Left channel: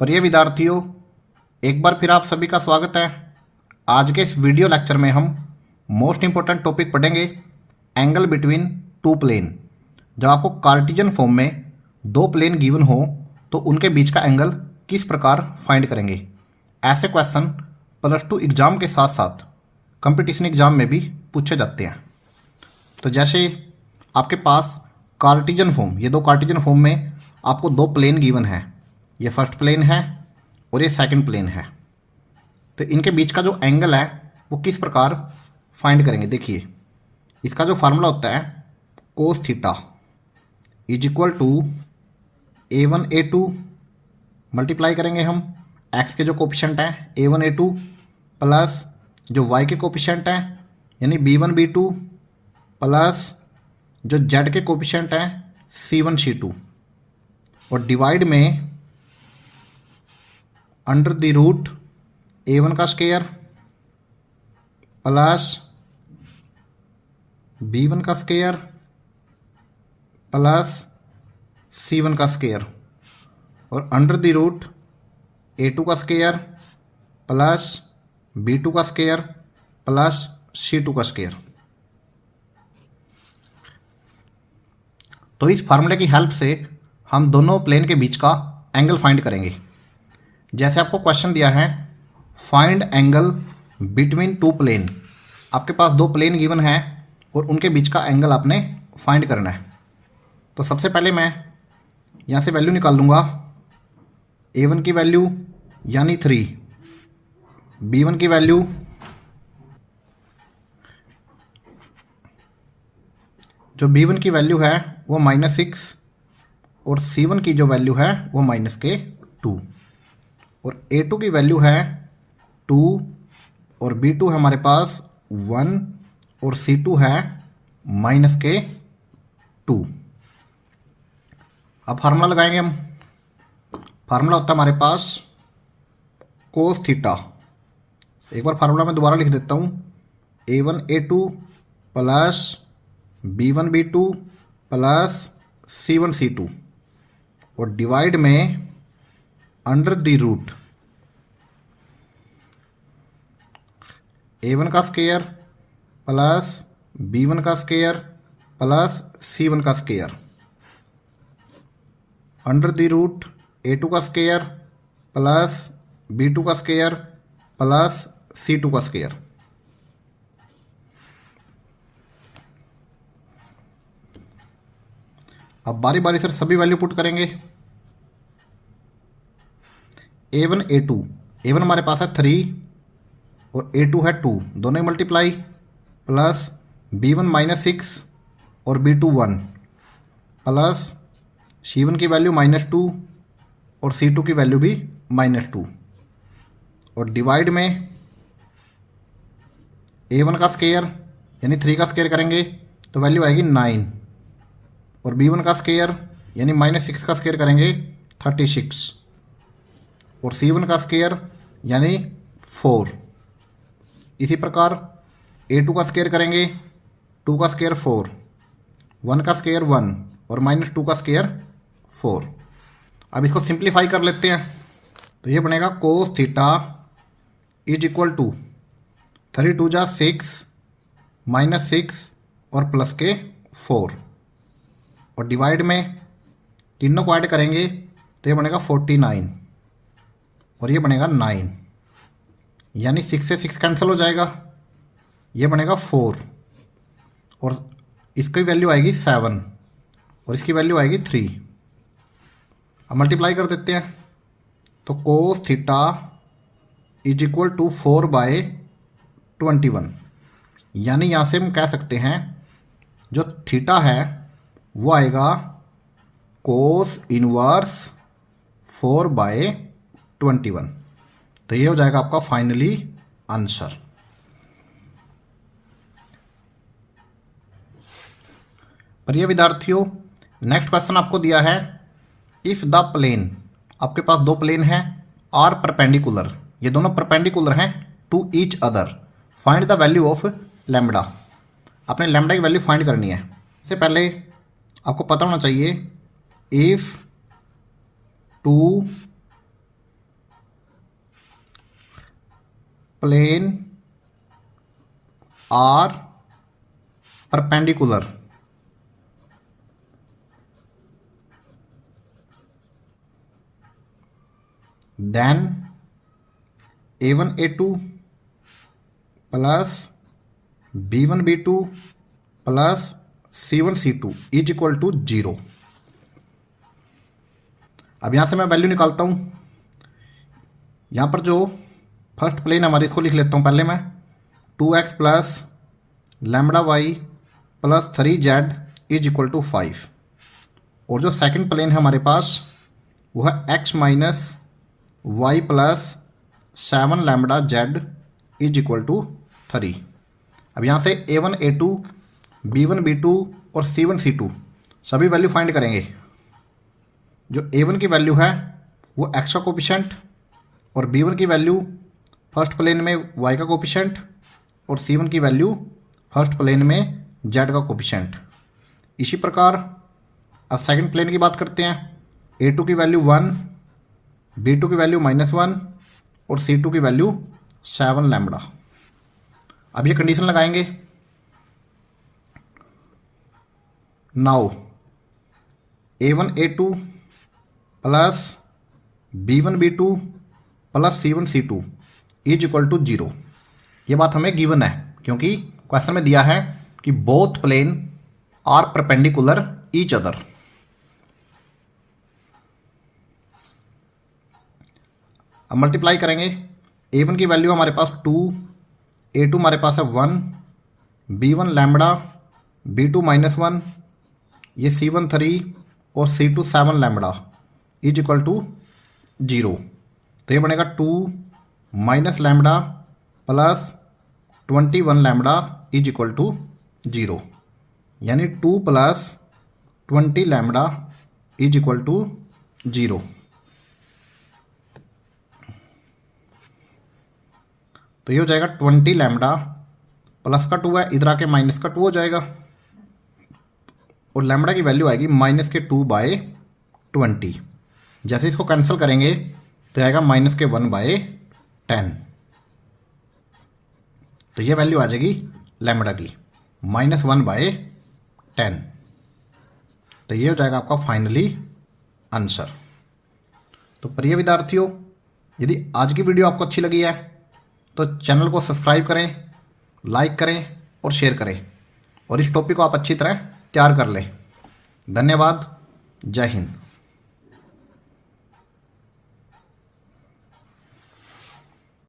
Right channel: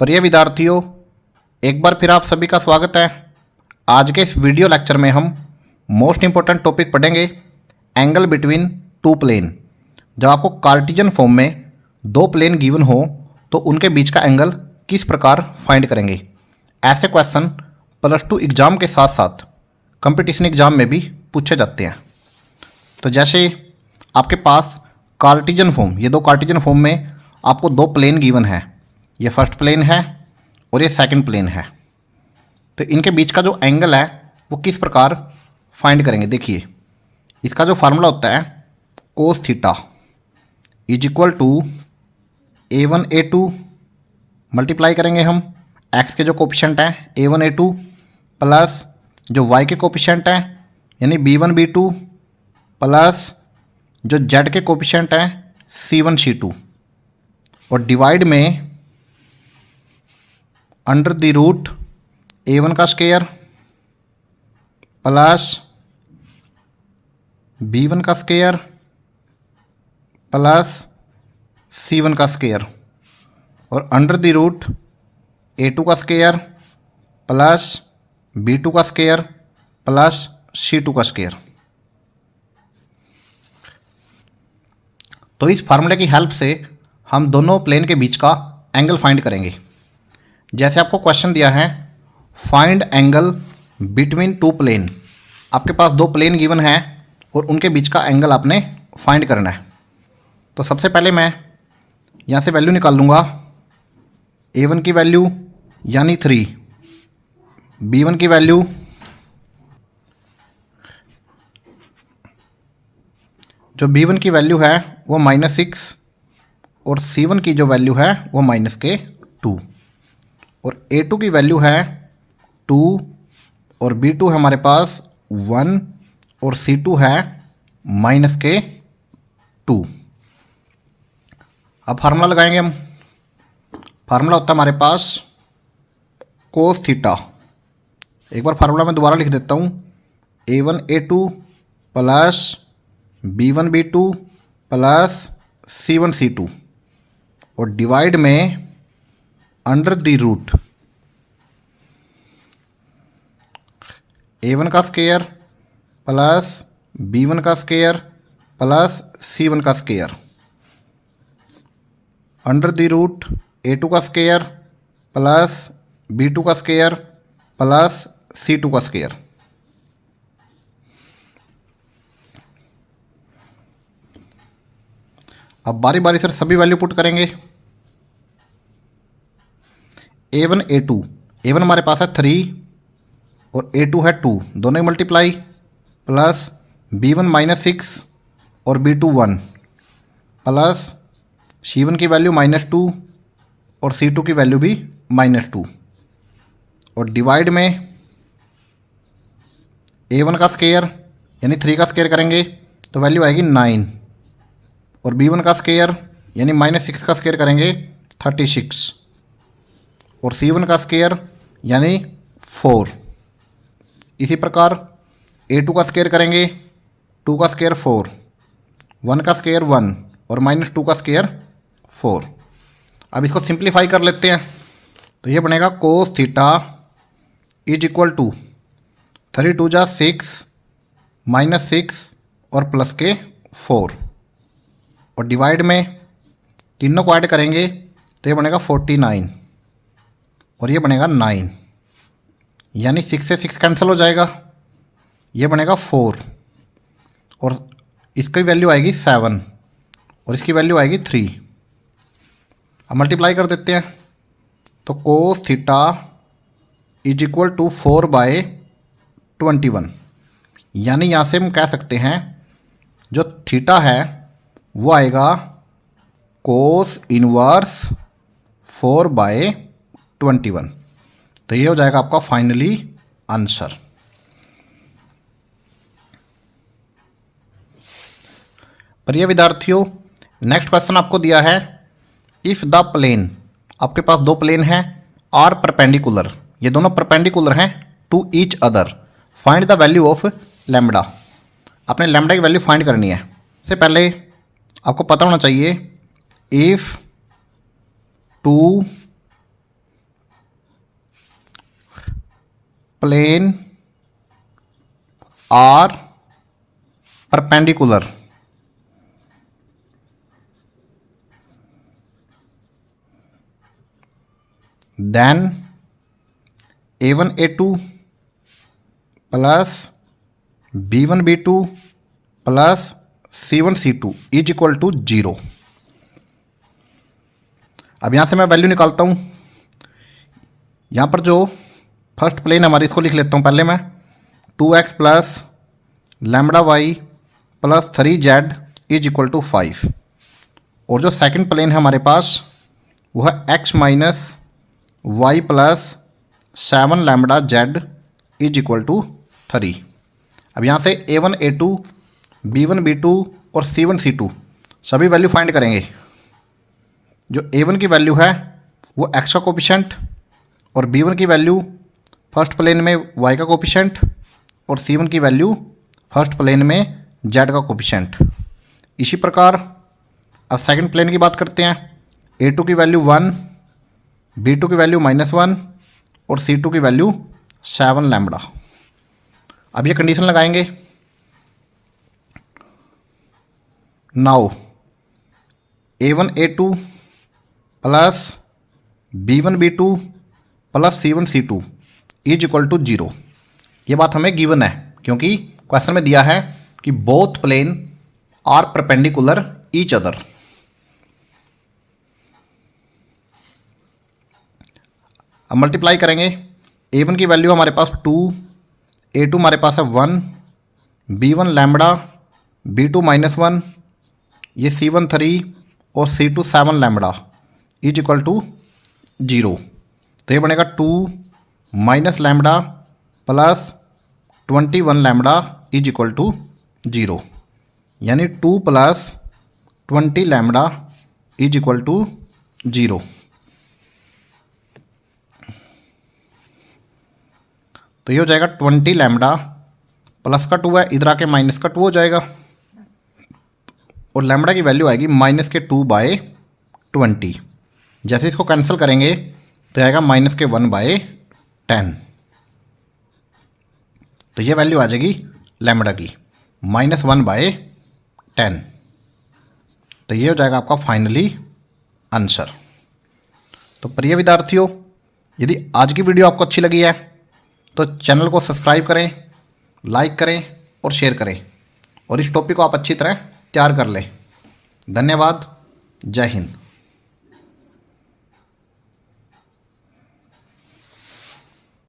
प्रिय विद्यार्थियों, एक बार फिर आप सभी का स्वागत है। आज के इस वीडियो लेक्चर में हम मोस्ट इंपॉर्टेंट टॉपिक पढ़ेंगे, एंगल बिटवीन टू प्लेन। जब आपको कार्टेशियन फॉर्म में दो प्लेन गिवन हो तो उनके बीच का एंगल किस प्रकार फाइंड करेंगे। ऐसे क्वेश्चन +2 एग्जाम के साथ साथ कंपटीशन एग्जाम में भी पूछे जाते हैं। तो जैसे आपके पास कार्टेशियन फॉर्म, ये दो कार्टेशियन फॉर्म में आपको दो प्लेन गिवन है, ये फर्स्ट प्लेन है और ये सेकंड प्लेन है। तो इनके बीच का जो एंगल है वो किस प्रकार फाइंड करेंगे। देखिए, इसका जो फार्मूला होता है cos theta is equal to A1 A2 multiply करेंगे हम एक्स के जो कोफिशिएंट हैं A1 A2 प्लस जो वाई के कोफिशिएंट हैं यानी B1 B2 प्लस जो जेड के कोफिशिएंट हैं C1 C2 और डिवाइड में अंडर द रूट A1 का स्क्वायर प्लस B1 का स्क्वायर प्लस C1 का स्क्वायर और अंडर द रूट A2 का स्क्वायर प्लस B2 का स्क्वायर प्लस C2 का स्क्वायर। तो इस फार्मूले की हेल्प से हम दोनों प्लेन के बीच का एंगल फाइंड करेंगे। जैसे आपको क्वेश्चन दिया है find angle between two plane, आपके पास दो प्लेन गिवन है और उनके बीच का एंगल आपने फाइंड करना है। तो सबसे पहले मैं यहाँ से वैल्यू निकाल लूँगा, A1 की वैल्यू यानी 3, B1 की वैल्यू जो B1 की वैल्यू है वो -6 और C1 की जो वैल्यू है वो -2 और A2 की वैल्यू है 2 और B2 है हमारे पास 1 और C2 है -2। अब फार्मूला लगाएंगे हम। फार्मूला होता है हमारे पास कोस थीटा। एक बार फार्मूला मैं दोबारा लिख देता हूँ, A1 A2 plus B1 B2 plus C1 C2 और डिवाइड में अंडर द रूट A1 का स्क्वायर प्लस B1 का स्क्वायर प्लस C1 का square under the root A2 का स्क्वायर प्लस B2 का स्क्वायर प्लस C2 का स्क्वायर। अब बारी बारी से सभी वैल्यू पुट करेंगे। A1 A2, A1 हमारे पास है 3 और A2 है 2, दोनों ही मल्टीप्लाई प्लस B1 -6 और B2 1 प्लस C1 की वैल्यू -2 और C2 की वैल्यू भी -2 और डिवाइड में A1 का स्क्वायर यानी 3 का स्क्वायर करेंगे तो वैल्यू आएगी 9 और B1 का स्क्वायर यानी -6 का स्क्वायर करेंगे 36 और C1 का स्क्वायर यानी 4। इसी प्रकार A2 का स्क्वायर करेंगे, 2 का स्क्वायर 4, 1 का स्क्वायर 1 और -2 का स्क्वायर 4। अब इसको सिंप्लीफाई कर लेते हैं तो ये बनेगा cos theta is equal to 3 2 जा 6 -6 और प्लस के 4 और डिवाइड में तीनों को ऐड करेंगे तो ये बनेगा 49 और ये बनेगा 9 यानी 6 से 6 कैंसिल हो जाएगा, ये बनेगा 4 और इसकी वैल्यू आएगी 7 और इसकी वैल्यू आएगी 3। अब मल्टीप्लाई कर देते हैं तो cos theta is equal to 4/21 यानी यहाँ से हम कह सकते हैं जो थीटा है वो आएगा कोस इनवर्स 4/21। तो ये हो जाएगा आपका फाइनली आंसर। प्रिय विद्यार्थियों, नेक्स्ट क्वेश्चन आपको दिया है इफ द प्लेन, आपके पास दो प्लेन हैं आर परपेंडिकुलर, ये दोनों परपेंडिकुलर हैं to each other, find the value of lambda. आपने लैम्बडा की वैल्यू फाइंड करनी है। इससे पहले आपको पता होना चाहिए if two plane are perpendicular, then A1 A2 plus B1 B2 plus C1 C2 is equal to 0। अब यहाँ से मैं वैल्यू निकालता हूँ। यहाँ पर जो फर्स्ट प्लेन हमारी, इसको लिख लेता हूँ पहले मैं, 2x plus lambda y plus 3z is equal to 5। और जो सेकंड प्लेन है हमारे पास वो है x minus y plus 7 lambda z is equal to 3। अब यहाँ से A1 A2 B1 B2 और C1 C2 सभी वैल्यू फाइंड करेंगे। जो A1 की वैल्यू है वो x का कोफिशिएंट, और B1 की वैल्यू फर्स्ट प्लेन में y का कोफिशिएंट, और C1 की वैल्यू फर्स्ट प्लेन में z का कोफिशिएंट। इसी प्रकार अब सेकंड प्लेन की बात करते हैं। A2 की वैल्यू 1, B2 की वैल्यू -1 और C2 की वैल्यू 7 लैम्बडा। अब ये कंडीशन लगाएंगे। Now A1 A2 plus B1 B2 plus C1 C2 is equal to 0। ये बात हमें गिवन है क्योंकि क्वेश्चन में दिया है कि both plane are perpendicular each other. अब मल्टीप्लाई करेंगे। A1 की वैल्यू हमारे पास 2, A2 हमारे पास है 1, B1 लैम्बडा, B2 -1, ये C1 3 और C2 7 lambda is equal to 0। तो ये बनेगा 2 minus lambda plus 21 lambda is equal to 0, यानी 2 plus 20 lambda is equal to 0। तो ये हो जाएगा 20 लैम्बडा, प्लस का 2 है, इधर आके माइनस का 2 हो जाएगा, और लैम्बडा की वैल्यू आएगी -2/20। जैसे इसको कैंसिल करेंगे तो आएगा -1/10। तो ये वैल्यू आ जाएगी लैम्बडा की -1/10। तो ये हो जाएगा आपका फाइनली आंसर। तो प्रिय विद्यार्थियों, यदि आज की वीडियो आपको अच्छी लगी है तो चैनल को सब्सक्राइब करें, लाइक करें और शेयर करें, और इस टॉपिक को आप अच्छी तरह तैयार कर लें। धन्यवाद। जय हिंद।